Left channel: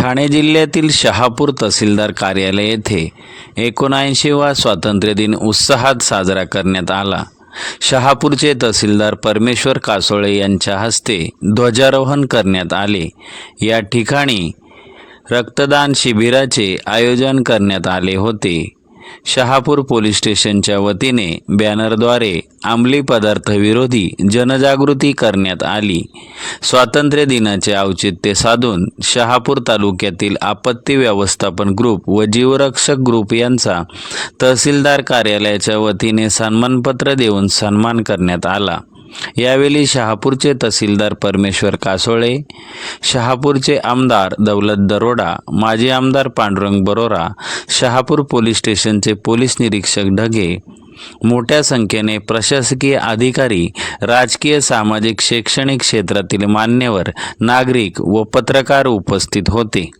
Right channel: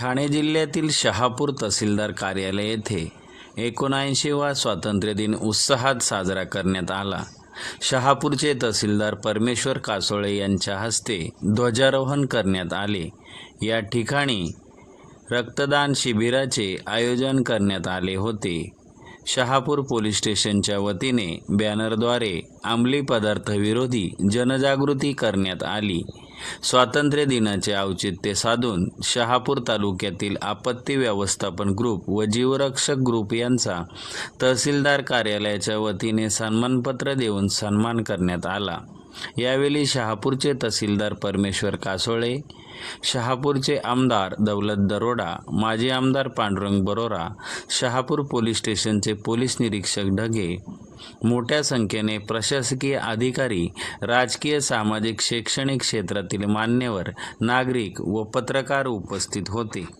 ठाणे जिल्ह्यातील शहापूर तहसीलदार कार्यालय येथे एकोणऐंशीवा स्वातंत्र्य दिन उत्साहात साजरा करण्यात आला. शहापूरचे तहसीलदार परमेश्वर कासोळे यांच्या हस्ते ध्वजारोहण करण्यात आले. या ठिकाणी रक्तदान शिबिराचे आयोजन करण्यात आले होते. शहापूर पोलीस स्टेशनच्या वतीने बॅनरद्वारे अंमली पदार्थविरोधी जनजागृती करण्यात आली. स्वातंत्र्य दिनाचे औचित्य साधून शहापूर तालुक्यातील आपत्ती व्यवस्थापन ग्रुप व जीवरक्षक ग्रुप यांचा तहसीलदार कार्यालयाच्या वतीने सन्मानपत्र देऊन सन्मान करण्यात आला. यावेळी शहापूरचे तहसीलदार परमेश्वर कासोळे शहापूरचे आमदार दौलत दरोडा माजी आमदार पांडुरंग बरोरा शहापूर पोलीस स्टेशनचे पोलीस निरीक्षक ढगे मोठ्या संख्येने प्रशासकीय अधिकारी राजकीय सामाजिक शैक्षणिक क्षेत्रातील मान्यवर नागरिक व पत्रकार उपस्थित होते.